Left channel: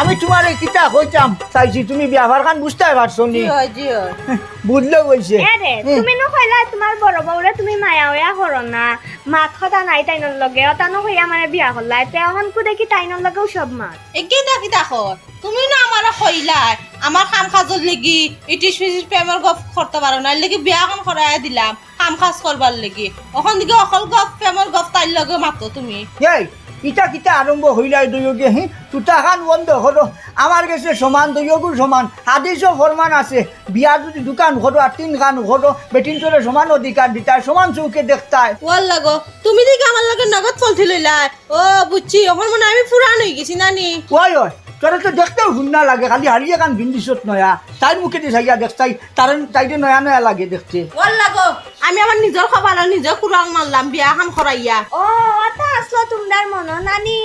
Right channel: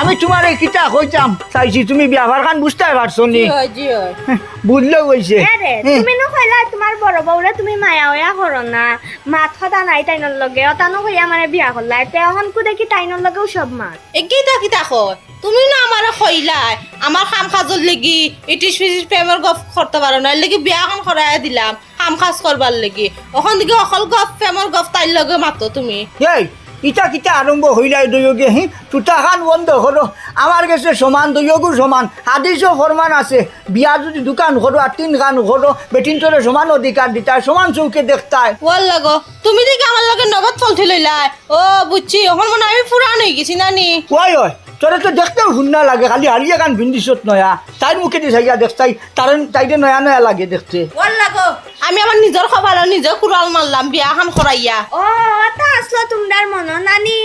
আমি তোমার এই কিতা কইতাম? চাইছি তুমি ব্যবহার খান বুঝতে পারছ নি? হয়েছে এরে তুমি নো কইলা তোমার বড় বউরে তুমি মায়া হইয়া করো না মাত কথা নাই তাইনর লগে অতানো হইয়া মানে বিয়া করলা তে এখন কু দেখি তাইনর লগেও সব মাত। একেইটা কিতা কয়। তুমি না আমার কইলাই আমার কাম কাজর লাগি ইটিস পিটিস প্রেমের গপ করতে পারো না। লাগি বিয়া কাম করাই দিলাম কাম কাজ করবার লাগি। ওখান থেকে অকল গপ প্রেমের গপ তাইর লগে মাতো তুমি। এই ইটা কিটা আরম্ভ হইলাই দুয়োগে হি তুতা খান বন্ধ হলো। আমার কাছে সমান দৈয়গু সমান। হাদিসও ফরমান আছে বিয়া যদি দোকান করো আর তিন খান করো বেটিন তোরে সমান অধিকার দিতা সমান চৌকে দেখতাই ওর লাগো তুমি দেখি আমার লগে নগদ চলতি লইলাই। ও বুঝছি ওখান মনে আমি পুরান হয়ে গেছি নানি। ওই ওই তোরে তো দেখতেও সুন্দর লাগে খালি হারিয়ে গান ভিন্দিছত নয়া। তাইর মুখে দিয়ে চাইয়া দেখতাই তার তাইতে নয়া নয়া লাগে দেখতে। ওর লাগো আমি আমার নিজের খবর নিজের কুড়াল মারলাম বিয়া খান করাইয়া। ও তা আসলো তোমরার মন নানি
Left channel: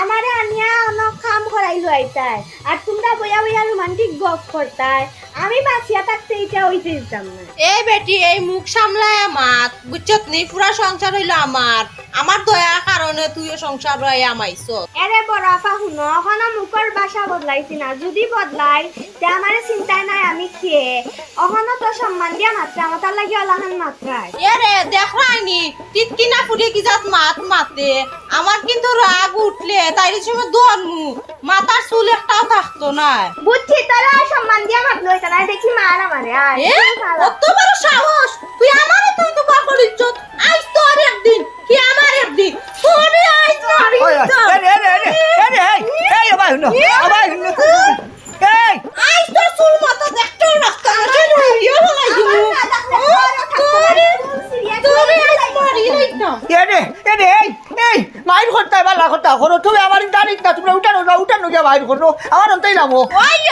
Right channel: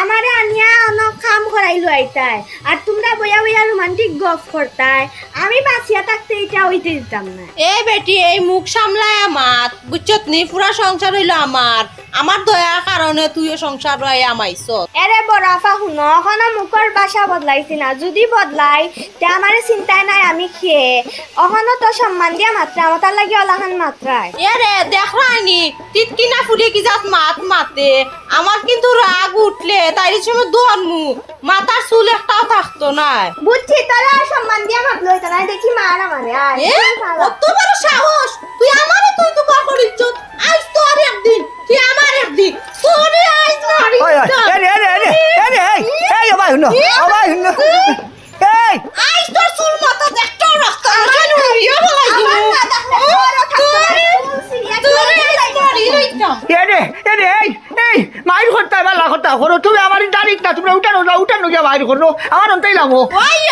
আমারে আনিয়া অনেক কাম করাইলো আইতাই। আর তোমরা বইয়া বইয়া রোমান্টিক গপ করতাই। আমি বাঁচিয়া থাকতে এটা হইতে দিতাম না। এই বেটি এই মুখ সামলায় আমার বুঝছত নি? পুরা সংসার হইল আমার। আমার দয়ার কারণে তুইও সংসার রয়ে আমাইছ এরে বড় আফা শুনো এখন মুখর বাসা বদলাইছি না। যদি বদলাই তে আমার চিন্তাই নাই আমি খেয়ে অখনো তো সম্মান দিয়া মাত্রা আমার লাগি অলাহান মাত্রায় এরে দেখ রানি তিতকিনা ফুলি কি যাত মাত মাতে? আমার কিন্তু রাগ উঠলে তাই সময় দোয়ানমু মাথার চুল একটাও থাকতো না বুঝছি তোরা সম্মান দিয়া মাত লইতা না দেখি মার আমারে আয় কত বড় সাহস! তুই আমারে তুই তো আইস তো আর একদিন কি আমার একদিন। দিমু মাইর করতে বালা কথা করো তুমি আমার তারিখ না তুমি উঠানো না উঠানো গিয়ে মাইর করো আমার অন্তাই ওই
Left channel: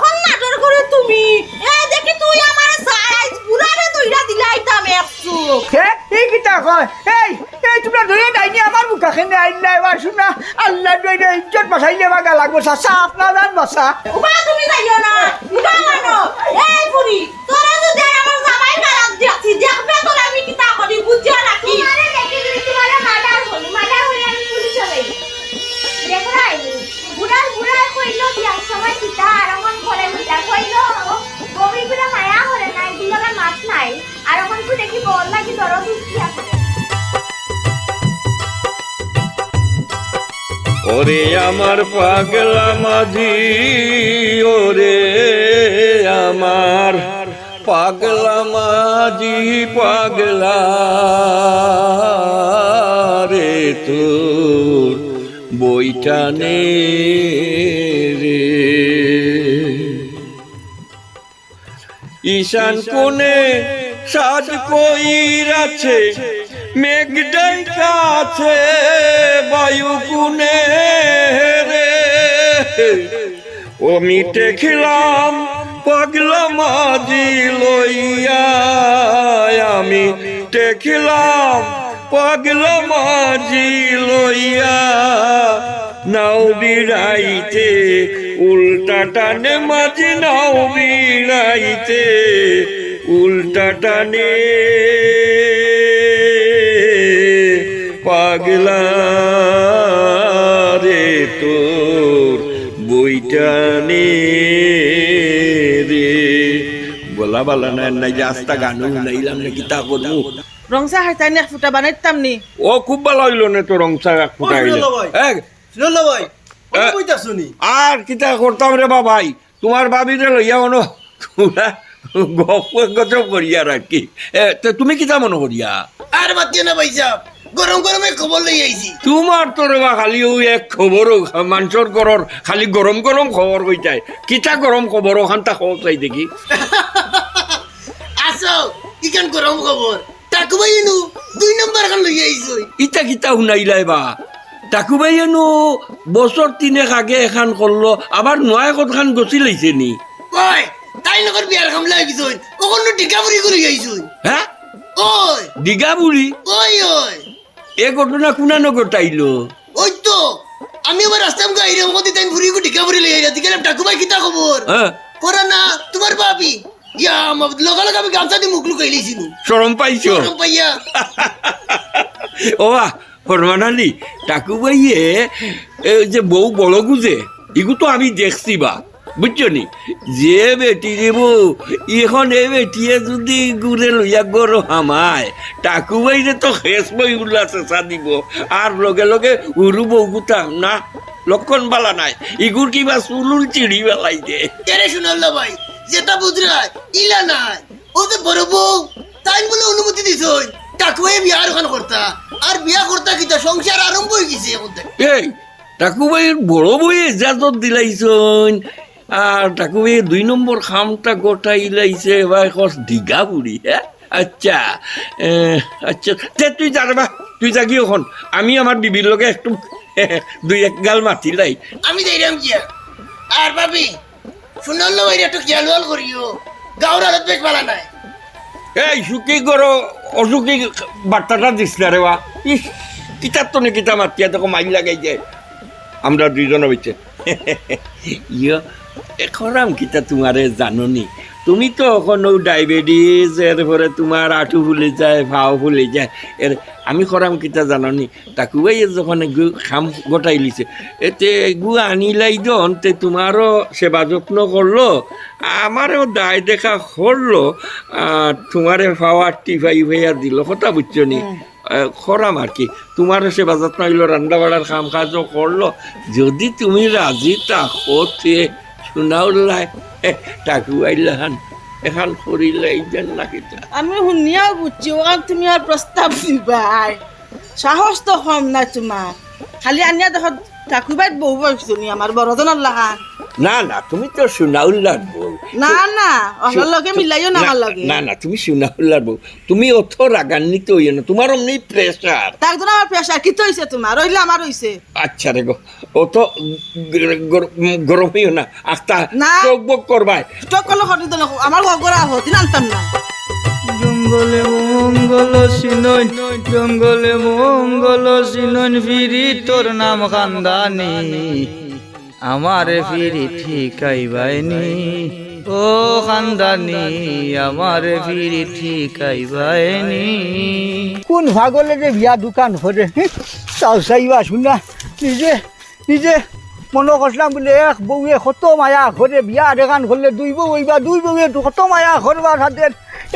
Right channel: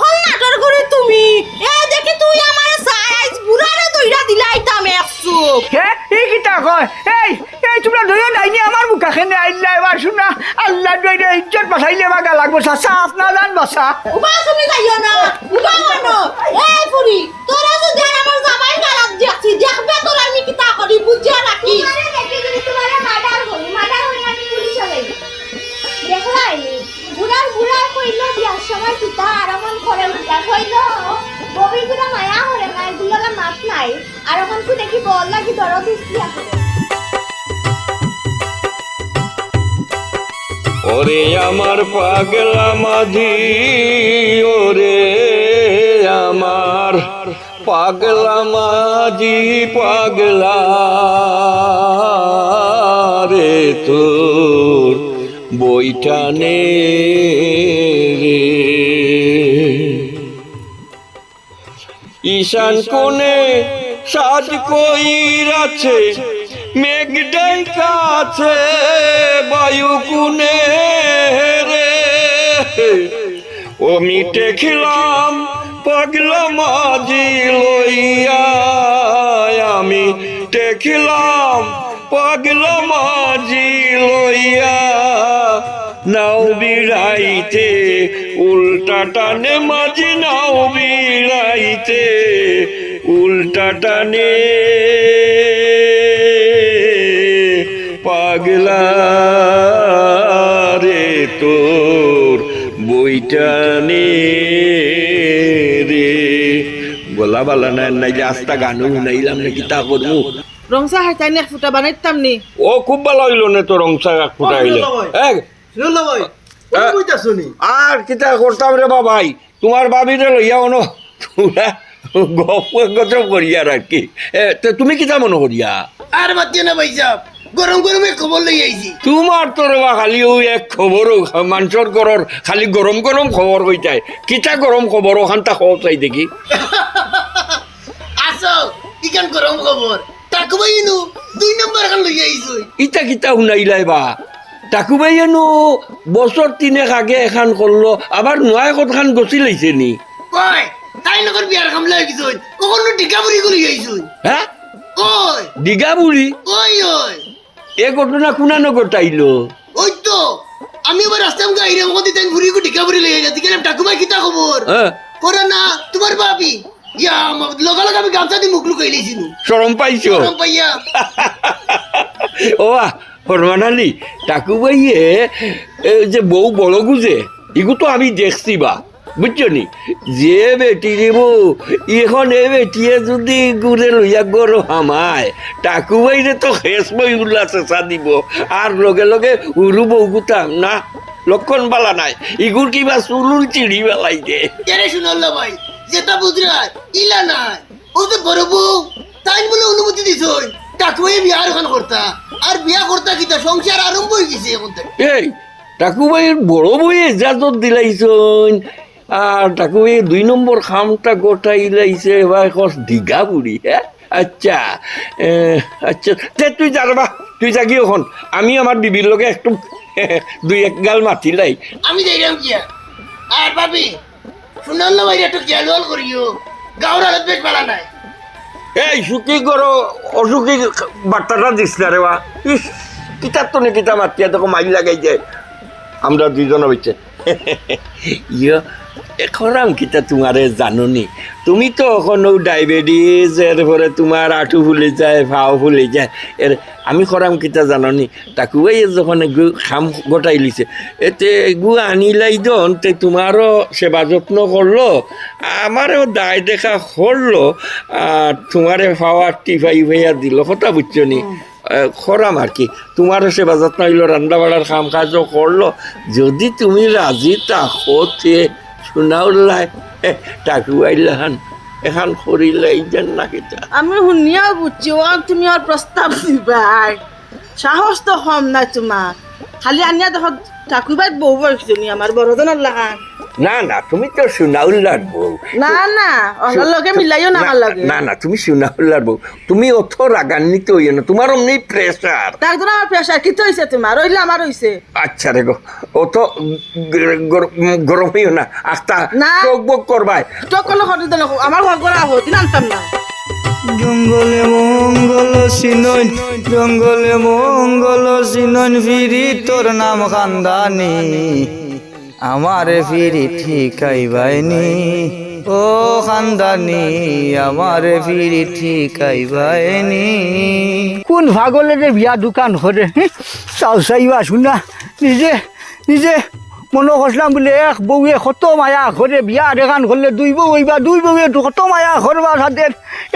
ওই নাটর করে তুমি এ দেখি তুই আমার সাইজ বুড়ারে দইরা দিলাইতাম একশো আপনার জান আমার পাগলা মাঝি ওরে আমার পাগলা মাঝি পাগলা রে তোর বইটা নে রে। ঈশান কোণে সাজ কইরাছে, মেঘ ডাইকাছে বায়ু কুনে রে ও মিটে খিলাম, পাগলা মাঝি লইয়া। আমি টেখিলাম পাগলা মাঝি লইয়া। নাও বিড়াইতে, উল্টা টানে মাঝি, নাও বিড়াইতে, উল্টা টানে। পাগলা রে তোর বইটা নে রে। বলা বালা নাই নাই যে আস্তা গানও শুনাইলাম নাকি তা করব রংসা হাইতাই এক ফুটা বানাইতাম নি। ও খুব ভালো হইল না তো রংসা এক আর কিতা করতাম রে বাবাই তোমার বাবিরে লইয়া মনো তোরা গপ গজব করিয়া রাখি এ তো তুমি কিতা মনে করিয়া আর বাচ্চা না ভাই সাহেব গরম গরমে খবর লই আইছি। তোমার তো রেবা খালি ওই এক খবরও মানুষের ঘরের খালি গরম গরম খবর কইতাই কিতা গরম খবর ওখান তা খবর চাই দেখি। আসো ইখান গরম খবর। নু দুই নম্বর খান লই আইছো। কিতা শুনাইলাই বা? তাকু বাইয়েনো বছর তিনেক আগে এখান করল আবার নয় কতখান গছি লাইছে নি। কই তাই লগর বিয়ার কামলা গেছো কখনো করে আইছো। হ্যাঁ ওই বুড়ি ওই ওই এ ঘটনা কুনানো ঘটাইলো ওই তো আমি আবার রাস্তায় গাইরে আমাকে তাই ভরি করে টিকা ভরি ভাই কিতা খবর? হ্যাঁ। পরা না তোমার বাপি। ইয়া লগালগ আমি গামছা দিয়ে মুখ লুকাই লইছিনু সরম পাইছো? গরম পাইয়া। ও ফরমান আলী টাকু ভাইয়ে এ যে বউ বড় গুজে ইগু তো আমি দেখছি বা। বুঝছ নি? যে বেটি রেব এখন এ বেটিয়ে যদি গুড়ে লইয়া গরো হামায় টাকু বাইরে তো শেষ বই উল্লা চেঁচা দিব আর লগে লগে উরু বৌগুতাম না লক্ষণ বালা নাই ইগুর কিবা চুলুল চিড়ি বেলাই দে। শুনল ভাই? যেটা বুঝরা ইলা নাই। ও তো বড় বউ তাই বলে অনুমতি দিছ কাকুয়ে বিয়ার ওখান করতা আর বিয়া করতা কিতা সংসার আরম্ভ হয়ে গেছে এখন এই টাকু ভাইয়ের বড় বই এজাজত দিলাইছন আর টাকু ভাই দুই নম্বর খামটা গোটাই লাইছে এবার কস দীঘা বুড়ি হ্যাঁ আচ্ছা আচ্ছা তে তুই যারবা তুই জাগি এখন আমি আমার বিবির লগে একটু দুই এক গাল মাতি লাই। আমি যাইলাম কিয়া আর ভাবি শুনল ভাই একটু করিও। গাঁর হালত বেশ ভালো নাই। এই সুখী করো অসুখী বার্তাটা দিস না রে বা। ইস কিতার তো নি কিতা মাতিয়া তোকে মাইল লাগাই যায়। আমরা দুইজন হয়েছে ইয়ে খরাম কিতা তোমারে জাননি? তুমি তো এখনও ডায়াবেটিস এরপরে তোমার আঁটু ফুলে যায় ভাও ফুলে যায়। এর আমি খরাম কিতা জাননি? এই যখন গু খাম গোটাই লিছে। এতে গু আনিলাই দন তে তোমারও সেবা যত্ন করল আমারও দায় দেখা করল আর তোমারে পাওয়া টিফাই ভাইয়া দিল কথা বুঝছ নি? খরাম আর কি? তোমারও সেবা যত্ন হইল রান্না বাড়ার কাম কাজও করল যদি তুমি রাজি তাকো তে শুনাউলাই টাকু আইলাহান এখন করিলাই যেন নাকি আমি শুনিয়া বুঝছি, ও তুমি আর প্রস্তাব দিবাই সাহস তো কম নাই তোমার। খালি আনিয়া দেখো ঠাকুরবাই বউ বয়সজনী আমার বড়জনের লাগা। না না তুমি তো শুনাউল্লার বউ। না না অহলার লগে মিলাইও না আমার লগে। না না তুমি শুনাউল্লার বউ। তুমি অত রাগান্বিত হইও না তোমার অমনি প্রেসার তার জন্য আমার প্রেশার কি হয়েছে তোমার? রইলে আমার হয়েছে আচ্ছা রে গো অত গরম হইও না আস্তা না। চোখ বক করবাই। স্টক করলে দিলে আমার ঘর করে আবো আনতাম না। জঙ্গলে মঙ্গল সিনন জঙ্গলে মঙ্গল সিনন ফিরি তোর নাম খানদানি। আমারে ফিরি ঠিকাইবাইনি ও খানদানি আমারে ফিরি ঠিকাইবাইনি কোন ভাগলে যে বিয়া দোকান করে চাও চাইবা শুনা নিজে নিজে মনে করলাম বলে এক বউয়ে কত মায়া ঘরে বিয়া দেখান করলে দুই বউ হইবা দুই বউয়ে কত মায়া ঘরবা তাদের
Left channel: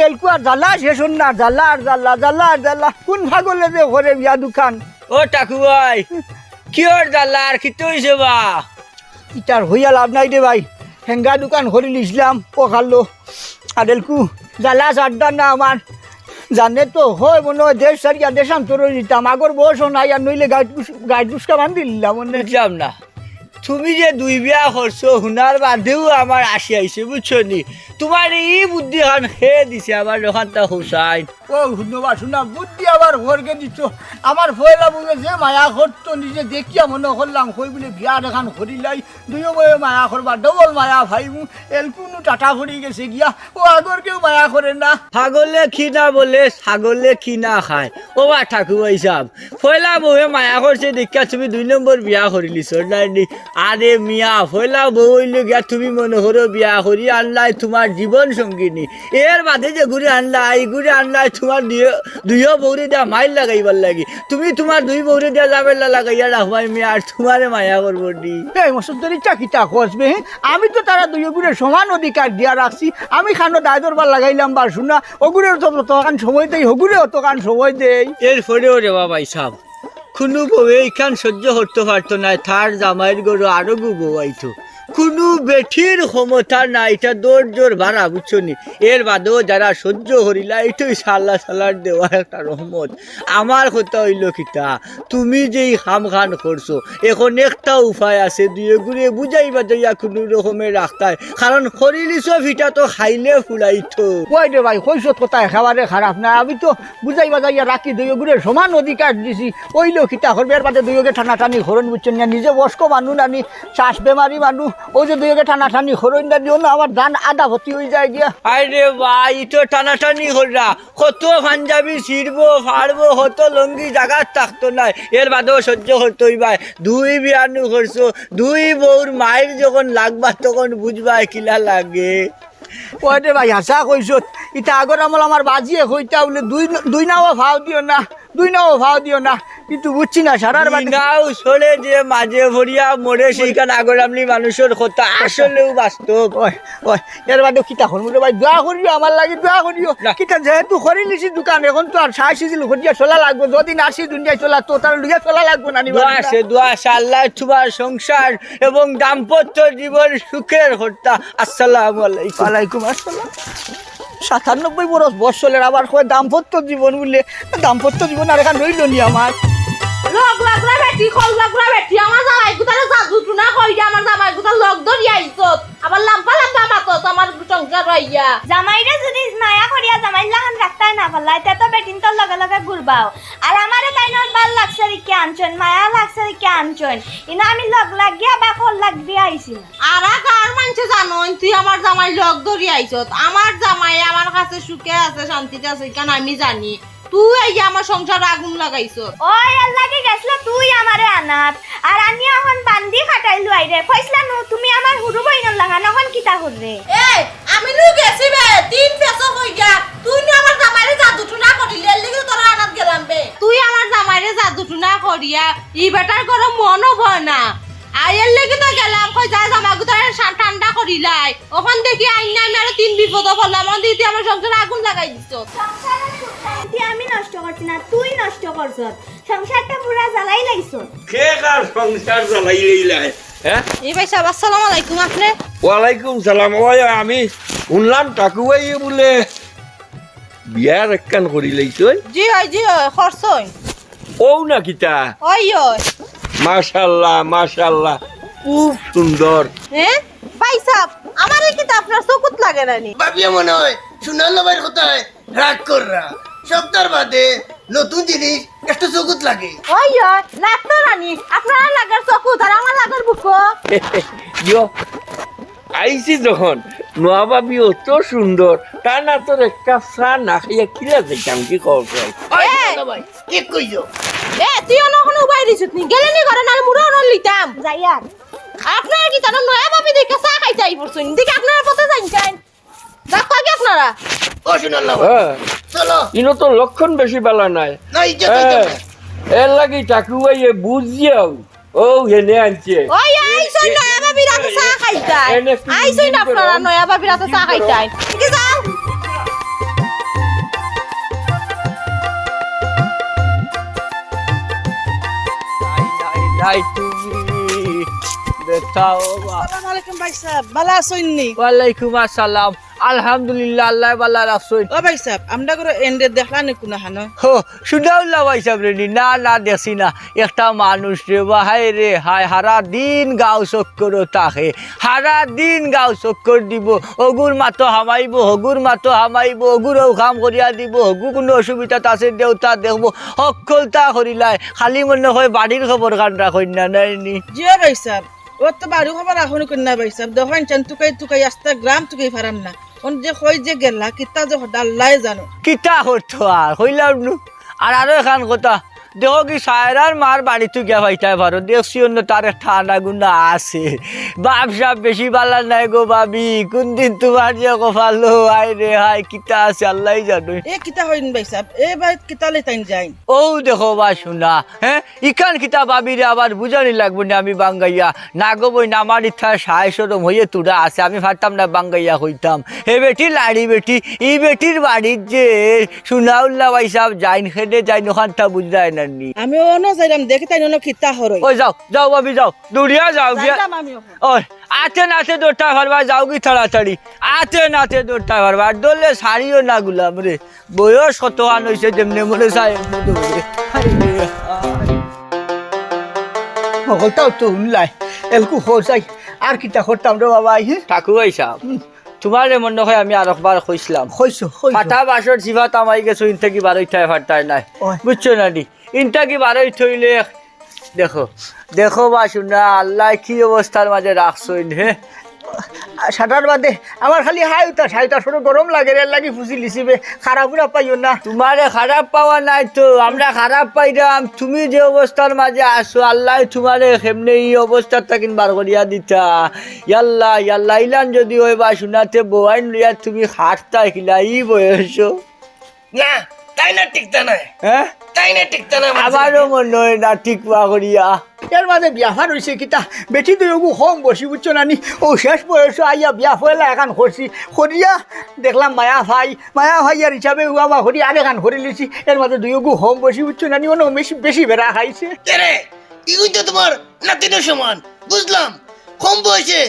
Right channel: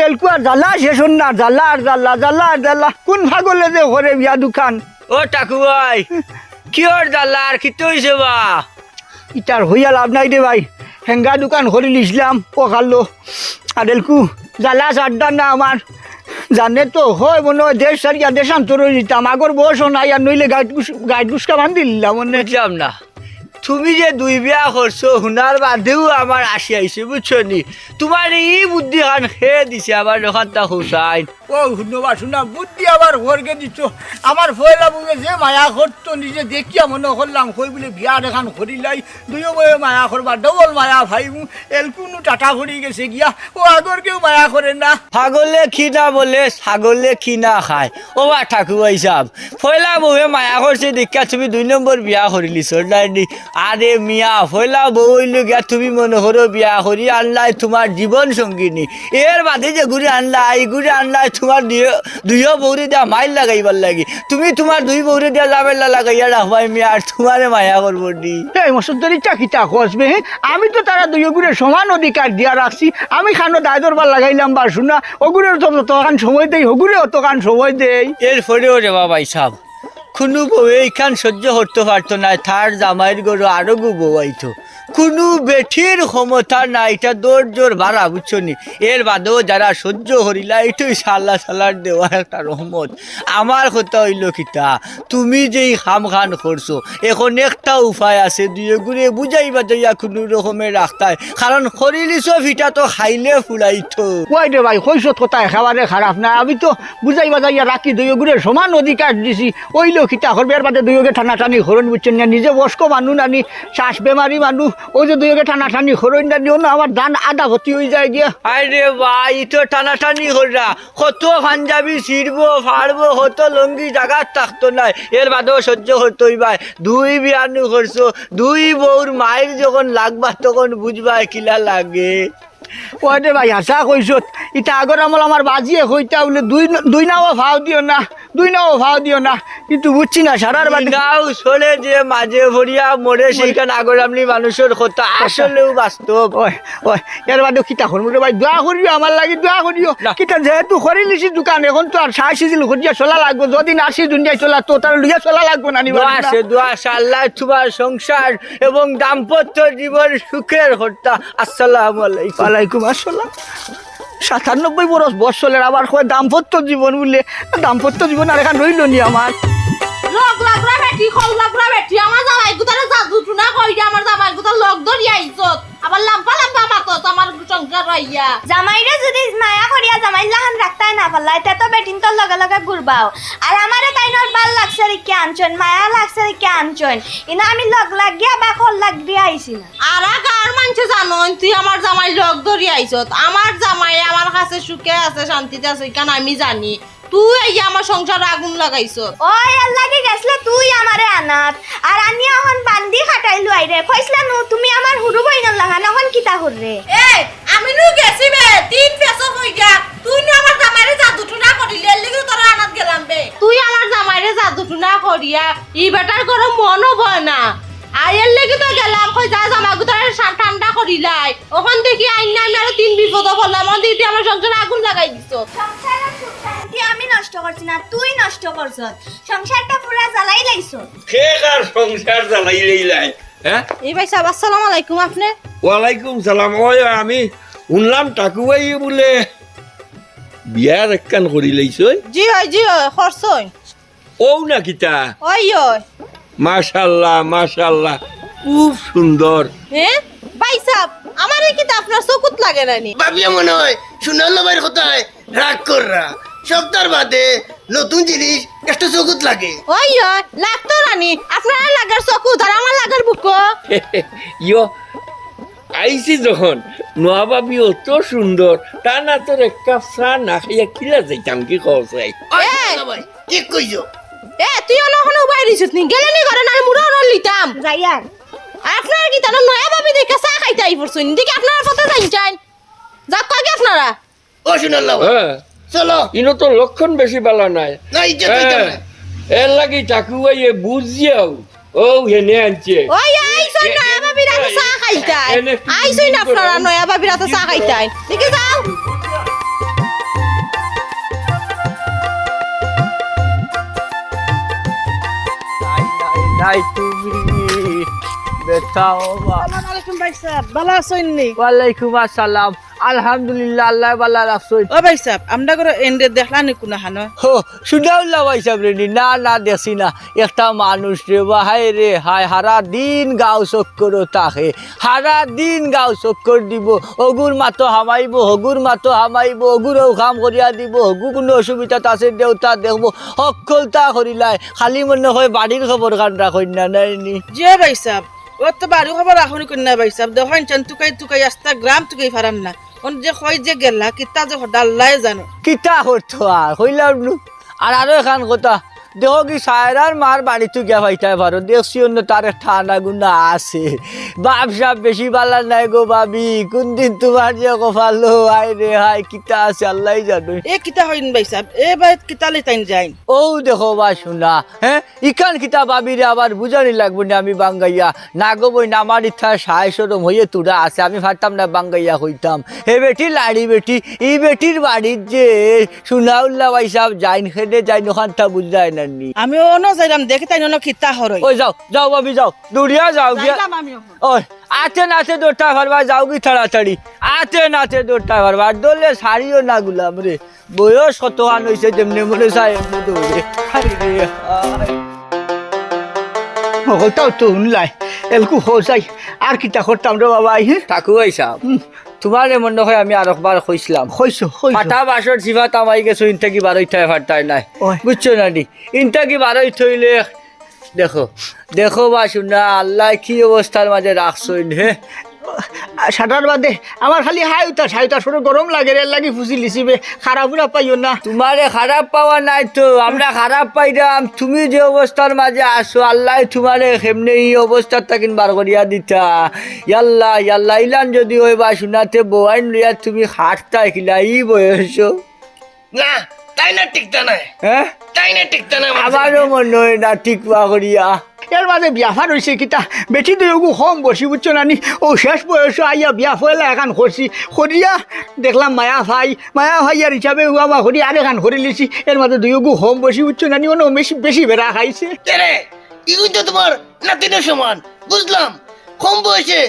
এলকুয়া জ্বালা শেষ হন না জ্বালা আর জ্বালা জ্বালা আর জ্বালা। কোন ভাগলে যে ঘরে বিয়া দোকান? ও টাকু ভাই কিয়র দালার কি হয়েছে বা? ইটার হইয়া লাভ নাই দে ভাই। হেঙ্গা দোকান করে নিছিলাম, পকালো। আদেলকু, জালা চারটা না আমার জানে তো হয় মনে হয় দেশ সারিয়া দেশান্তর হয়ে যেতাম আগর বয়সও নাই আর নইলে গাইড গাইড গুসকা বান্ধি দিলাম না। তুমি যে দুই বিয়া করছ শুনার বাদেও আমার আসি আইছে বুঝছ নি? তোমার এই বুদ্ধি খান খেয়ে দিছে আমার দোকানটা হুসাই ও শুনবা শুনা বুদ্ধি আবার ঘরকে দিচ্ছ আমার ফয়লা বুকে যে মায়া করতো নিজে দেখিয়া মনে করলাম কই বলে বিয়া দেখান করিলাই দুইও বয়ে মায়া করবা ডবল মায়া ভাইবু এলকুনু টাটা ভরি গেছে গিয়া। ও আগর কেউ মায়া করে না? ছাগলে না বলে ছাগলে কি না খায়। ও মা ঠাকুর হিসাব পয়লা বউয়ে মায়া করছে দেখিয়া তুমি দুই নম্বর বিয়া করিলি সরলাইনি আরে মিয়া হইল গিয়া তুমি মনে করো বিয়া করি আনলাই তোমার জীবন সঙ্গিনী। এর বাদে যে ঘুরে আনলাই ঘুরে আনলাই তোমার দুইও বৌরি দিয়া মাইল লাগাইবার লাগি। তুমি তোমার দুই বৌরি দিয়া লাভেলা লাগাইয়া রাখবাই মিয়া আর তোমারে মায়া করব নি। এই মসুদ্দরি চাকিটা খসবে আমি তো তারা দুই গুড়ে সমান অধিকার দিয়া রাখছি। আমি খানো দায় দরবার লাগাইলাম বা শুনা ওগুলোর তো তখন সময় দেই ওগুলো তখন সময় দেই। এরপরেও রে বাবা সাহ কোনো বউ এইখান সহ্য করতে পারতো না। তার জামাইয়ের গরু আরও গুবো বউাইতো কোনো বেঠির ক্ষমতা নাই, এটা দৌড় জোর ভাড়া, বুঝছ নি? এর বাদেও যারা সহ্য করিলা, এটাই সাল্লা সাল্লার দেওয়া একটা রহমত। আমার কথা হইল কিতা তুমি যেই খাম খান করছ, এখন একটা উপায় আছে দুয়ে গুড়ে বুঝাইবা যাইয়া কোনো রকমের রাস্তায়। কারণ খরিলিছ ভিটা তো খাইলে ফুলাইতো। কই দে ভাই কইস কথা একেবারে খারাপ না, আমি তো বুঝাই বাজাইয়া রাখি, দুই গুড়ে সমান অধিকার দিছি। ওই লোকিতা করবে, এর বাদে দুইকে টানা টানি হরণ বুঝছেন না? নিজে বস্ক মানুষ আনি শ্বাস বেমারি মানুষ ওই যে দুইকে টানা টানি হরণ না দিও না আমার ধান আদা ভর্তি হয়ে যায় গিয়া। আরে ভাই, তো টানাটানি কত পাঞ্জাবি ছিড়বো, ফাড়বো লঙ্গি থাকতো নাই। এর বাদেও সহ্য হতোই ভাই। দুই বিয়ানু করছ, দুই বউর মায়ের যখন লাগবা তখন বুঝবা কিলা লাগে। ওই দে ভাই? হাসা কইছত ইটা আগর আমল আমার বাজিয়ে কইতা বলে দুই দুই নাও ভাও দিও না দুই নাও ভাও দিও না। কিন্তু বুঝছি না সারার বাড়ি নাও চলে যে মাঝে ভরিয়া মরে সেইখান আগরামনি মানুষের কথা আসলেও বাস্তব। ওই ওই এর বাদে কিতা করব রে ভাই? দোয়া করিও আমার লাগি দোয়া করিও। কিতা যেহেতু করি লিছি দোকান এখন তো আর সাই সিজিল ঘটিয়া চলা লাগবো। যদি নাসি দুনিয়ায় চলা তো তার লুইয়া চলা লাগবো না দোয়া আছে দোয়া আছে আল্লাহ তোমার সংসার এবং দাম্পত্য জীবন সুখের হত্যা আসসালামু আলাইকুম। ওয়ালাইকুম আসসালাম সাতানব্বই বরস বৎসলের আবার করে দাম্পত্য জীবন বলে। দাম্পত্য জীবন আর এখন রইল নি আমার। লগ লাগরা বেটি খল লাগরা বেটি আমার জামাই গুতারে জাদু টুনা কই দিয়া আমার জামাই গুতার লগ ধরি আইছত আবার লাম্পা লাম্পা মাতত আমার সংসার হইয়া। জামাইরে যদি মায়া করিয়া জামাই লাহান রাখতে না পারলাই তে তো বেটিন তোর লগে লগে ঘুরবাও আর আমারে তাইনোর লাগছে রে আনছন মায়া লাগছে রে আনছন ইনা আমি লগ লাগিয়া বা খল লাগ দিয়া আইছি না আর মানছে জানো তুই আমার জামাই লগ ধরি আইছত আমার জামাই আমার কাছে সুখে আছে শান্তিতে আছে কেন আমি জানি। তুই আমার সংসারে আগুন লাগাইছত ওই আল্লাহ কি গেছলে তুই আমারে আনাত। আর আমি এখন বান্দি খাটাইলু আইরে ফয়সলা নু তুমি আমার হুরু বইনর লাগা নখন কিতা কররে এ আমি নু গেছি বে তিন পেছো হই গা। তুই না আমার জামাইরে জাদু টুনা করিলি লাগি তোরা আনাত গেলাম বে। তুই আমার জামাইরে জাদু টুনা করিয়া ই বেটার করে মনও বয় না। আয়ের লাগি তো গেলাম কই যা গুতারে ঠান্ডা ওখান থেকে আইন না আমি আরও তিন বিপদ পড়লাম। আমার সংসারে আগুন লাগাই দিছ। সংসারের সুখ শান্তি আমি নষ্ট করছি না তুই নষ্ট করছ। সংসারটা পুরা জ্বালাই লাইছ সে কার সংসার চালাই লইলাই হ্যাঁ? এই ভাই সাহেব আসসালামু আলাইকুম আপনি? ওয়ালাইকুম সালাম। ওই আমি শুনলাম টাকুয়াই বলে বিয়ার একখান করি লইছই জি হয় জি হয় খরচই ও না কিতা? ওই ওই। মাশাল্লাহ মাশাল্লাহ খুব সুন্দর। হ্যাঁ ভাই সাহেব আমার এই কিতা আপনার চকুত লাগে নানি ভাবিয়া মনে হয় সোনার লবাইর কথায় রাগ কররা। সপ্তাহ বাদে নতুন জিনিস একটা চকুত লাগে। ওই লাগতো নানি আপনার লাগার চকুত আর আমার লাগার বুক ইয়ো আইছি যখন নোয়াবাবি অত সুন্দর তা না তোর একটা চা না খাইয়া কিলা যাইতাম কি লবাই ঠিক কইছো। এ তুই ওখানে উবাই দিছিস নি? গেলে নি ঘরে না মুড়ো নল লিতাম। যাইয়ার আপনার কি তার নয়া ভাবি দেখে চা খাইতে আই পড়ছেন দেখি আপনারা কত জানছেন দেখ কি আপনারা ও সোনার হ্যাঁ চলো। ইনো তো লক্ষণ বেশি বেলা নাই। না ইজ্জত হইতো হ্যাঁ না। এর লাগি টাকুয়াইয়ে বুঝিয়াও ও হেনে আনছে। ওই আইসই নয়া ভাবি রাতে চা খাইতে এনে কি না আপনারা নয়া ভাবি রাতে চা খাইতে ঠিক যাও। নাই তুমি আলাইকুম আসসালামু। ভাই সাহেব আলহামদুলিল্লাহ আল্লাহ বাল্লা রাখছই ও ভাই সাহেব আমরা করে এন্ডে দেখলা নি কোনা হানো? হো শুনাউল্লা ভাইসাব রে না না দেখছি না। একটা মানুষ রে হায় রে হায় হারা দিন গাও চক্কর তাকে। হারা দিন গাও চক্কর দিব অগুর মাতো হামাইব হগুর মাতো হামাইব অগুরও কাম করিয়া দিব হগু কোনো অসুবিধাত আছে দেউতা দেখব সকলতা করিলাই। খালি মনে হয় বাড়ির খবর কান রাখই না নাই নি? জিও ভাই সাহেব ও তো বাড়ি খবর রাখনি কন্যা ভাই সাহেব? দেখান চান তুকাই তুকাই আস্তা গ্রাম তুকাই ফারাম না। ওন যে কই যে গেলা, কিতা যে ডাল্লাই জানো। কিতা করতো আর হইলাম আর আরও এখান কথা দেখো কি সায়রার মার বাড়িতে গিয়া ভাইটাই পারো দেখছি অন্য তার ঠান্ডা আনা গুনা আছে। বাপ সাপ বেশি বালা নাই গো বাবি কোন দিন তোমার যে কপালো আই রে হাই কিতা আছে আল্লাহ জানো। এ কিতা হইন ভাই সাহেব? এ বাই কিতা লে তাইন যাইন? ও দেখো বা শোনা হ্যাঁ? ইকান কিতা ভাবিরে আবার বুঝানি লাগবে না আমি বাঙ্গাইয়া। না গো বই না আমার ইচ্ছা সায় সরম হয়ে তুরা আছে আমি ভাবতাম না বাঙ্গাইয়া হইতাম। হে বেটি লাড়ি বেটি ই বেটির বাড়ির যে সুনাউল্লা ভাই সাহেব যাইন খেলে যাইন ওখানটা বুঝায় না নি আমি অন যাইলাম দেখি তাই অন কিতা হরই। ওই যাও যাও ভাবি যাও। দৌড়িয়া যাও গিয়া ওই আতে নাতে দৌড়টা পারবা যাও কি তাড়াতাড়ি। আতে নাতে দৌড়টা আর দৌড়লে শাড়িও না গুলাম রে। বয়স কত আন হয়েছে যেমনি মনে চায় দৌড়ে হাই হইতাও তো শুনলাই এলকু হোসাই আর কিতা করতাম রে বাবা হ্যাঁ? ঠাকুর সাহেব তোমার মনে হয় আমি আর একবার কইছিলাম ফাটা বাসর জিভা তামাই গেছো ইনটা কি বারোই থাই ফাটাই নাই। বুঝছ না নি? ইনটা কি বারোই থইলে? দেখো দেখো বা শুনা আল্লাহ কি অবস্থার মাঝে রাখছো ইন হে সাঁটার বাদে আমার খালি হাই উঠা সাই উঠা সরু গরম লাগে রে লাগি ফুসি লিছিবে খারাপ উড়া পাইও না। তোমারে খারাপ পাওয়া নাই তো আমরা খারাপ পাইলাম তুমি যে অবস্থার মাঝে আসো আল্লাহ তোমারে কেমনে এই অবস্থার তাকিন বার করিয়া দিতা। ইয়াল্লা ইয়াল্লা ইলান যদি ওই বা শুনাতে বোয়াইন লইয়া তুমি হাঁটতা খিলা ই বয়স না তাই না টিকতা নাই? হ্যাঁ? তাই না টিকতা না আমার আমারও মনে হয় না পা করিয়া। এর মাঝে বিয়াফার হয়েছে কিতা? বেটি দুই কম বসি বুঝছ নানি ও শেষ বয়স আইয়া বিয়া ফয়লা এখান করছি করিয়া দেখলাম মায়া ভাই। মায়া ভাই আর হিসাবে বাবা করি আর এখান করে লিছি। এর মাঝে দুই হোম বসি বুঝছ নানি অন্য বেশি বেশি বেড়া খাইছে। রে? ইগুই তো তোমার নাতিনের সমান বুঝলাম। কম বয়সে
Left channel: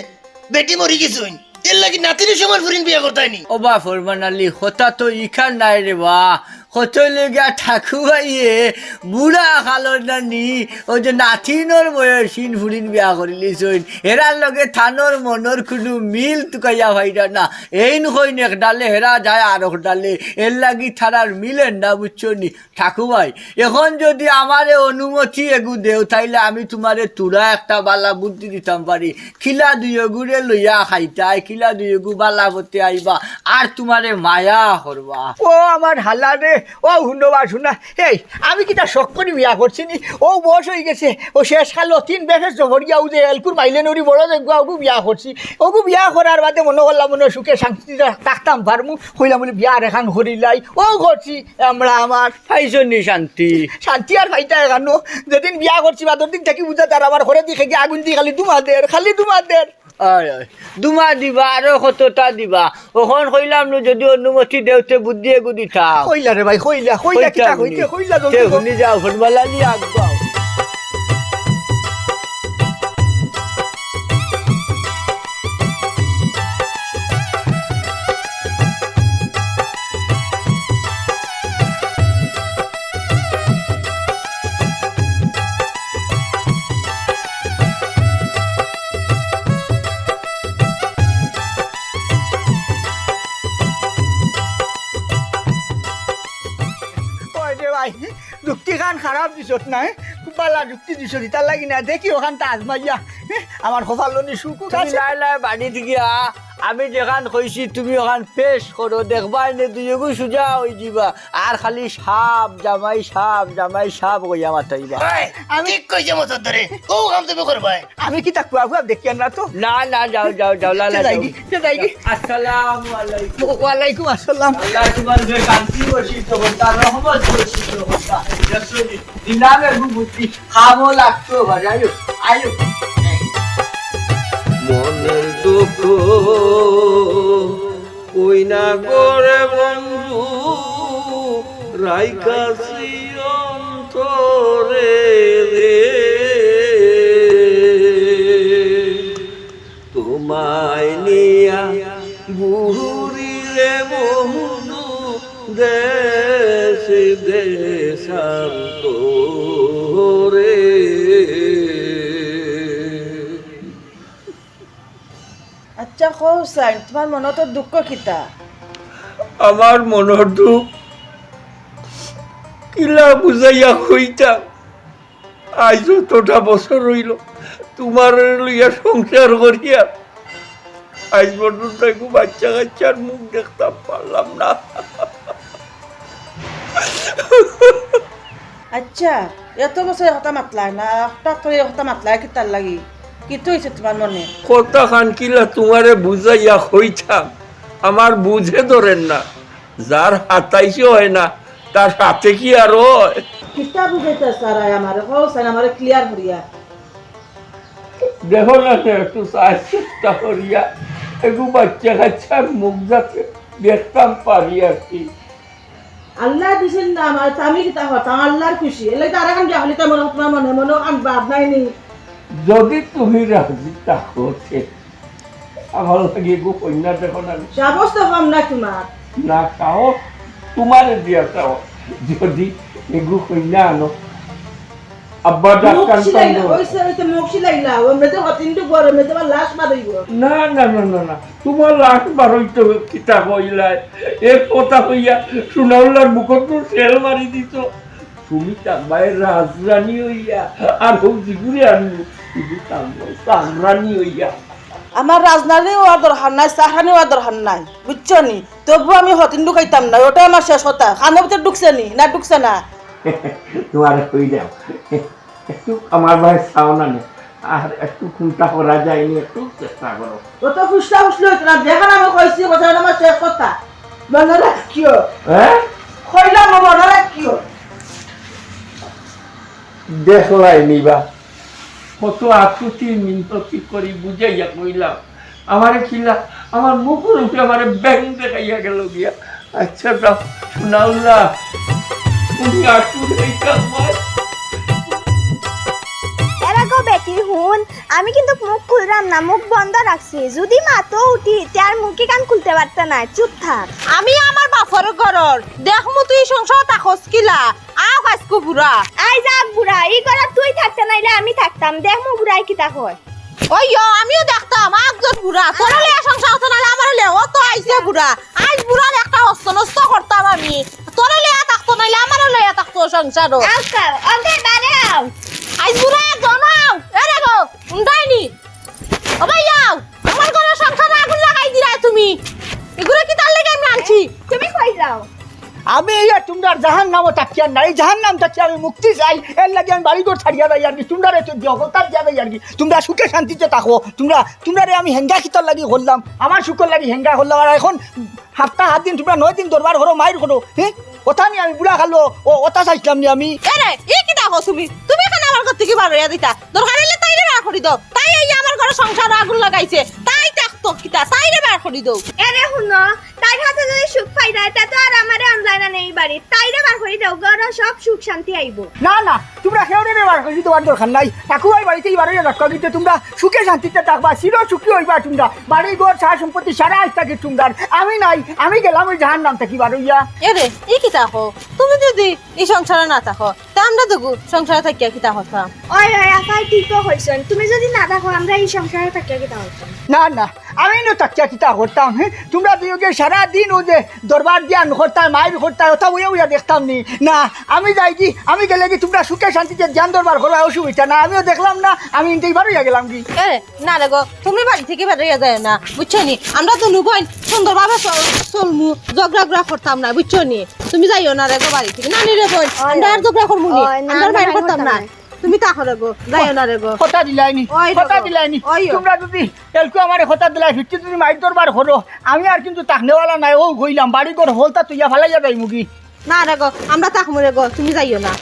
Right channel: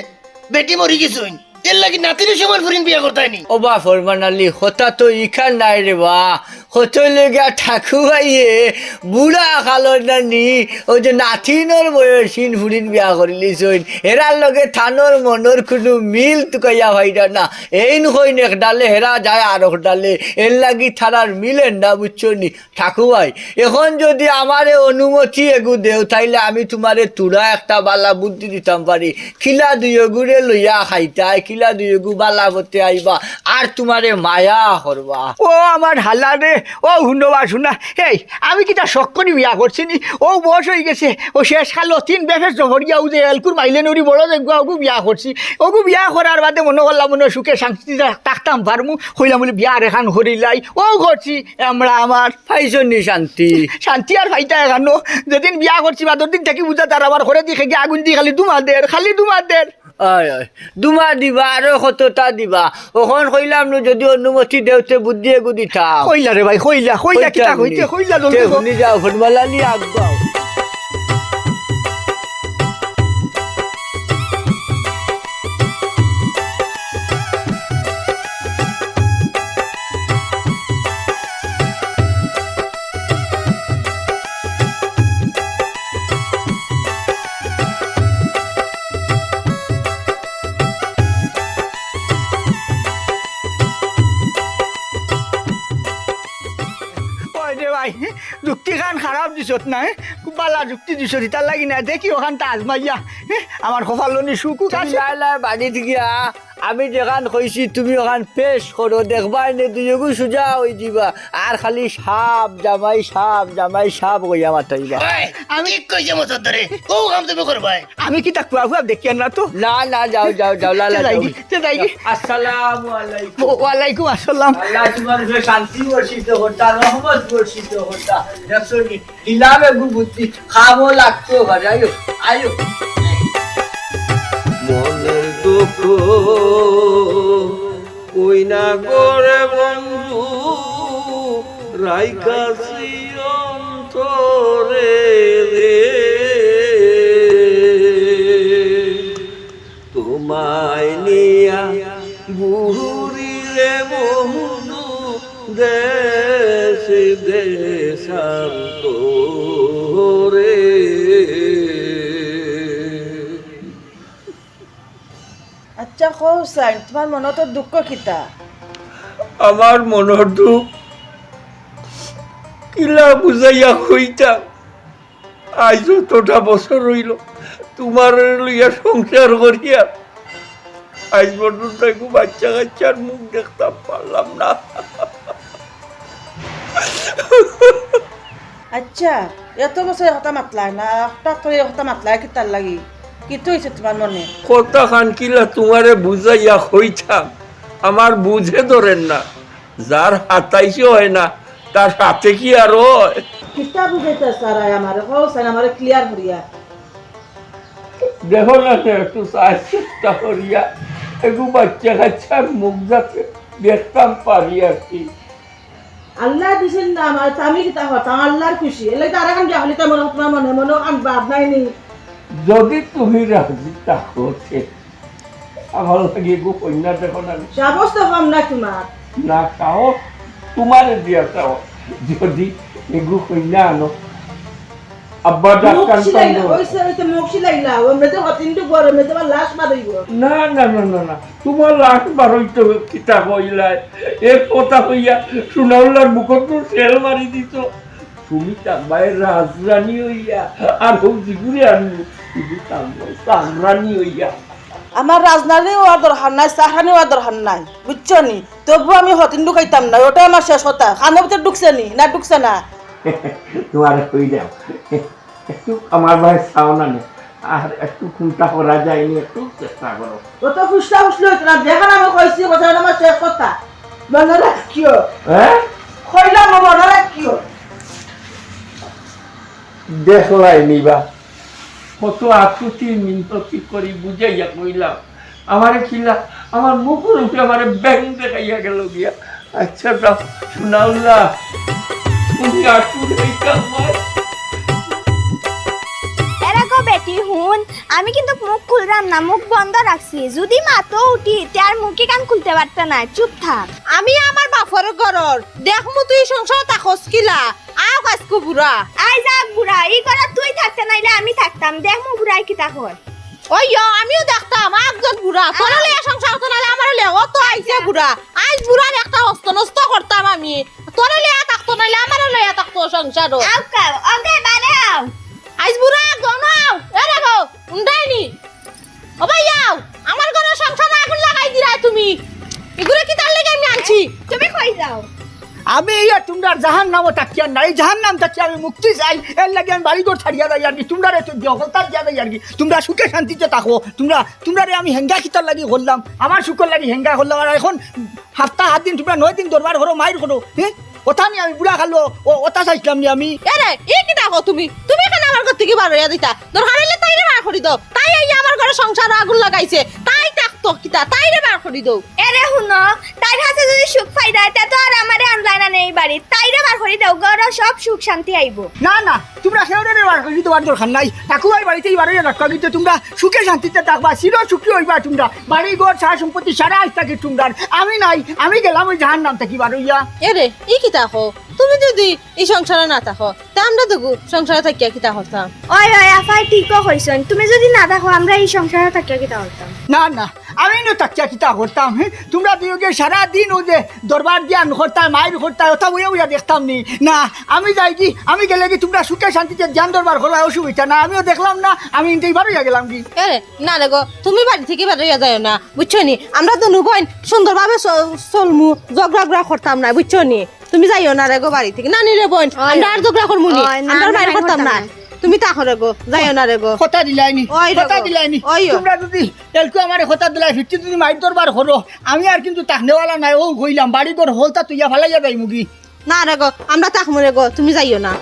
বেটি মরি গেছুন এর লাগি নাতিনের সমান ফুরিন বিয়া করতাইনি। অবা ফরমান আলী হতা তো ইখান নাই রে বা। হত লেগা ঠাকুরাইয়ে বুড়া খালৰ নানি, ওই যে নাথিনৰ বয়সীন ফুৰিন বিয়া কৰিলিচোন হেৰাৰ লগে থানৰ মনৰ কোনো মিল টুকাইয়া ভাইরা না। এই নকইন একডালে হেরা যায় আর একডালে এর লাগি থানার মিলেন না বুঝছ নি ঠাকুমাই এখন যদি আমারে অনুমতি এগু দেও, তাইলে আমি তোমারে তুরা একটা বালা বুদ্ধি দিতাম পারি। খিলা দুই এগুরে লইয়া খাইতাই, খিলা দুই এগু বালা করতে আইবা, আর তোমারে মায়া করবা। ও আমার হাল্লা ও হুন্ডবা শুনা এই আমি কিটা শখ করি বিয়া করছি নি ও বয়স হয়ে গেছে ও শেষ কালো তিন বেশের জহরিয়া ও যে এলকুর মাইলে নরি বড় দেখব ওগু বিয়া করছি। ওগু বিয়া করার বাদে মনে করলাম মনে সুখে শান্তি থাকতাম পারমু। হইলাম বলে বিয়া রেখান হরিলাই ও করছি আমরা আমার পাইছো নি শান্তি। শান্তি আর ফাইটা এখানো। যেদিন বিয়া করছি বাদর দিন থেকে বুঝা তার আবার ঘরে দিকে গিয়ে আগুন দিয়ে খালি দুমাদের খালি দুমাদের দুমা দিবা আৰু কতটা দিবা। ওখন কইলাম যদি অনুমতি দেওতে বুদ্ধি এগু দিতাম। কইলা রে ভাই কইলা হইলা কিটা কইতে হইলা জলদি। শুনি যাও ফুটবলা নি আগবাও ওই দিছত না খুব ভালো যুক্তি দিছ তার লাগি না দেখি ওখানটা আজমাইয়া। আমার কপাল কপালনি সুকু বাড়ি গিয়া আমি যেখান কইছি তুমি ওখান পেশ করো দেখবাই নে দুইগু সুজা হই দিবা আর খালি সাপ জামাই সাপ জামাই সাপ কইয়া মাতাইবা আমি ঠিক কইছে মতো ধরে ও কাম তুমি করবাই আমি কি তা কুয়া কুয়া দেখি না তো না না যাও যাও যাও লালা যাও যাইগি, সে যাইগি। আসসালামু আলাইকুম ওয়ালাইকুম আসসালাম আল্লাহ তোমার যে শান্তি বর্ষিত হতা রহমত বর্ষিত হতা যশোরি দিলামে বুদ্ধি খাব লাগতো আয়ো আয়ো মনের দুঃখ ওই না করে বন্ধু? রাইকাছি অন্তরে রে। তোমায় নিয়া বুড়ি রে বন্ধু দেশ দেশান্তরে আচ্ছা কৌ চাই তোমাৰ মনত দুঃখ কিতা? আমার মনের দুঃখ। কিলা বুঝাইয়া হইতাম আজ যতটা বছর হইল। তোমার লইয়া সংসার করিয়া। আজ পর্যন্ত একটু বাচ্চা কাচ্চার মুখ দেখতাম পারলাম না। আচ্ছা এত বছর কথা মাতলা না? হঠাৎ করে কথা মাতলা কিতার লাগি? কিতো হয়েছে তোমার মনে? কথা খান কিলা তোমারে বুঝাইয়া হইতাম আমার বুঝে ধরেন না। যার হাতাইছে হয় না তার সাথে কি আর হয়? কিতা বুঝাইতে সারাই আমার কৌ চাই আমার ক্লিয়ার করিয়া দেখো না একটু চেষ্টা করিয়া একটু বাচ্চা কাচ্চার মুখ যাতে দেখতাম পারি আর কি। আল্লাহ দিছেন না আমার তা আমি কিতা হতাম আল্লাহর খুশি। এলে তারা কান গিয়া হলে তোমার মনে মনে কান বাদ নাই নি। যদি তুমি রাজি থাকো আমার লাগে গো কন্যা দেখো না। সাবস তো কম না তোমার। না খাও তোমার দিয়া চাও যদি এগু কন্যা আনো আব্বা ডাক্তার লাশ না না না না না তোমার লাখ বারোই তো কিতা কইলাই এ কথা কইয়া সুনাউলার মুখত তো সেল মারি দিত তুমি তাম্বাই রাজরানী হইয়া আর হোক জিগুরে আনব তুমি তাম্বাই সাংরানী হইয়া। আমার রাজনারে হওয়ার দরকার নাই চাহানি হওয়ার দরকার নাই বুঝছ নি? তবু আমি হতিন ঢুকাইতাম না ওটা আমার শেষ হতা খানোর ভিতরে ঢুকছে নি না ঢুকছে না? তোমার কই দাও একটু আমার ভাই চাও না আর একটু খুনটা করা যায়নি একটু চেষ্টা করো। ও তো ফুসলা ফুসলি হইতো না দেখান আমি কইছি কথা আমার শেষ কথা। মনে রাখিও। হ্যাঁ? কইলাম মনে রাখিও। দেখলাই নিবা। কত আকুতি মিনতি করি বুঝাইয়া কইলাম। আমারে খিলা আমার মুখের উপরে আমারে ব্যাং দেখাইয়া গেল গিয়া। আচ্ছা দাও শোনাউল্লা তুমি বেটি হুন আমি কিন্তু মুখ খুললাম না মুখ বন্ধ রাখছি। যদি মাতো উঠি তার মুখে কান খুলতে পারতে না চুপ থাক। আমি আমার বাপর ঘরর দেখমু তুই সংসার তাকস কিলা। আও আই যাক বুড়া এই করা তুই থাকতে নাইলে আমি থাকতাম। দেখ মু বুড়াই কি হয়। ওই আমিও দেখতাম একজন বুড়া। তোরা লে সংসার হতো না আমার লে ও তো আইছে বুড়া। আজ বুড়ার একটা হস্ত নষ্ট করতাম আমি। তোরা লে থাকতো নাইলে আমার লে থাকতো সংসারও। আস্তা ওকে দাঁড়াও আজ বুড়া জনাও এরে গো উন্ডাইনি ও ভাইয়াও আমার ঘরে সংসারে আগুন লাগাই দিরা তুমি। এগুলো কি তার লাগে আমি আনছি? তুমি কই যাও? আমি ইয়া তোমরা জাহান নামও তাকিয়া নাই জাহান নাম তাকিয়া আমি মুক্তি চাই। এর লাগে আমি বাড়ি ঘর ছাড়িয়া দেয় আর কি, তোমরা তো জগতার দিয়া দেয় আর কি। তোমরা সুখে শান্তিতে থাকো, তোমরা তোমরা আমি হেঙ্গা খিতার লাগি করলাম আমার সুখের লাগি হেঙ্গা করলাম আর এখন সপ্তাহ সাত দিন তোমরা নয় দিন দরবার করো মায়ের করো হ্যাঁ? ওটা নিয়ে আমি বুড়া খালো, ও ওটা চাইছিলাম নি আমি। এরে এই কি দেখো তুমি? তুমি কেন আমার ঘর থেকে বার হইয়া দিতা। দরকার হইলে তাই বার করি দাও। তাই এই আমার ঘরে সংসার আগুন লাগাইছে। তাই থাকতো কিতা? তাই রে বার করি দাও এরে শুনো তাইর হাতে যদি সুখ পাই দেয় তা তো আর আমারে আনজানা নেই বাড়ি তাইরে বার করে দাও গর সব সুখ শান্তি আইব না না তোমরা সেওরে বার করে দিতে পার দরকার নাই। ঠাকুরাই বাড়িতে বাড়ি রাখা দিতে তোমরা সুখে শান্তিতে থাকবা চির সুখী হইবা তোমরা। বাড়ি ঘর সারা সম্পত্তি সারা আজ থাকি তোমরা আমি নাই আমি গেলাম ওই জাহান নাম থাকি বার হইয়া এরে ই কি থাকো তুমি যদি এই সংসারে না থাকো তা আমরা দেখো সংসারে থাকিয়া কিতা হতাম। ওই ওই আফাই ঠিকও হইছেন তুমি যদি না দেখো আমরা এই সংসারে থাকিয়া কি হতাম। না না আমি না তাকিয়া কিতা করতাম হ্যাঁ তোমরা দুয়োকে সারা দিন ও যে দরবার দিয়া করতাম মায়ের করতাম ওটা উইয়া উইয়া দেখতাম নি। না আমি যাই কি আমি গেলে কি তোমরা সুখে শান্তিতে জ্ঞান দরবার করো অসুবিধা? না আমিও দেখলাম না আমি ইন্টাই গেলাম কি না রে গো তুমি বাড়ি থেকে বেরিয়ে যাও না বুঝছ নি? আমরা তো নুবইন সুন্দরভাবে চলমু ঝগড়া করতাম না বুঝছ নি? তুমি যাইও না রে গো বাড়ি থেকে নানি রে বোন আমরা আর করমু নি না, আমরা বাইরে করতাম না। তুমি তাকো রে গো যাইও না রে গো। কথা দিলাইনি কথা দিলাইনি। তোমরা যদি তেলকু আমার কথা দিলাই ভিত্তি যদি মাইর দরবার করো আমি আর কিন্তু তাকনেওয়ালা নাই ও কইলাম বাড়ি ঘর হলতা তুইয়া ফালাইয়া যাই মুগি। না রে গো আমরা তাক রে গো তুমি যাইও না।